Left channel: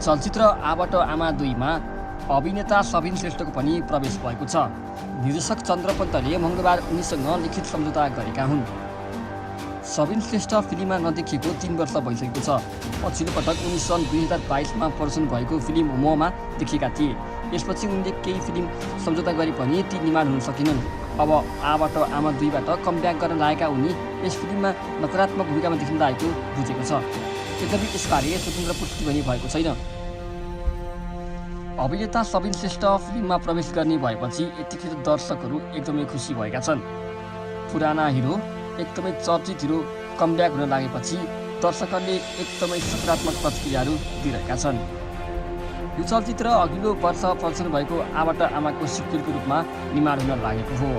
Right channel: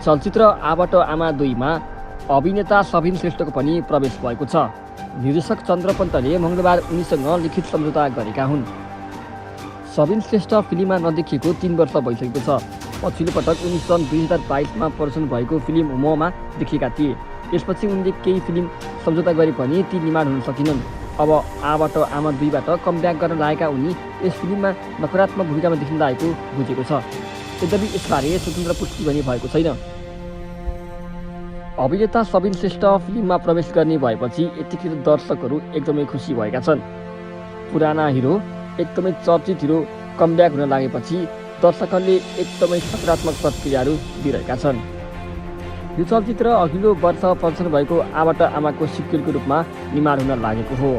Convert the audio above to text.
चलचित्र आबाट आमा 2मा अभिनेता सबिन श्रेष्ठको पनि प्रवेश भएको छ। निर्देशक चन्द्र पन्तले मङ्गलबार उनीसँग लिखित सम्झौता गरेका हुन्। सबिन श्रेष्ठ फिल्ममा नदेखिएको 3 वर्ष भइसकेको छ। पछिल्लो पटक उनी सन् 2022मा प्रदर्शन भएको फिल्म ममा देखिएका थिए। यसपछि उनले केही फिल्म सम्झौता गरे पनि ती निर्माण हुन सकिनन्। अब आबाट आमा 2बाट कमब्याक गर्न लागेका उनी यस फिल्ममा नकारात्मक भूमिकामा देखिन लागेको बुझेको छ। यद्यपि यसबारे स्वतन्त्र पुष्टि पनि भएको छैन। अभिनेता सबिन श्रेष्ठ फिल्ममा प्रवेश गर्ने भएपछि यतिखेर दर्शकहरू एकदमै खुसी भएका छन्। पुराना हिरो, एकदमै चर्चित हिरो कमब्याक हुन लागेपछि दर्शकहरूले एकदमै सकारात्मक प्रतिक्रियाहरू दिइरहेका छन्। यो चलचित्र अघिल्लो वर्ष प्रदर्शन भएको आबाट आमाको सिक्वेलको रूपमा निर्माण हुन लागेको हो।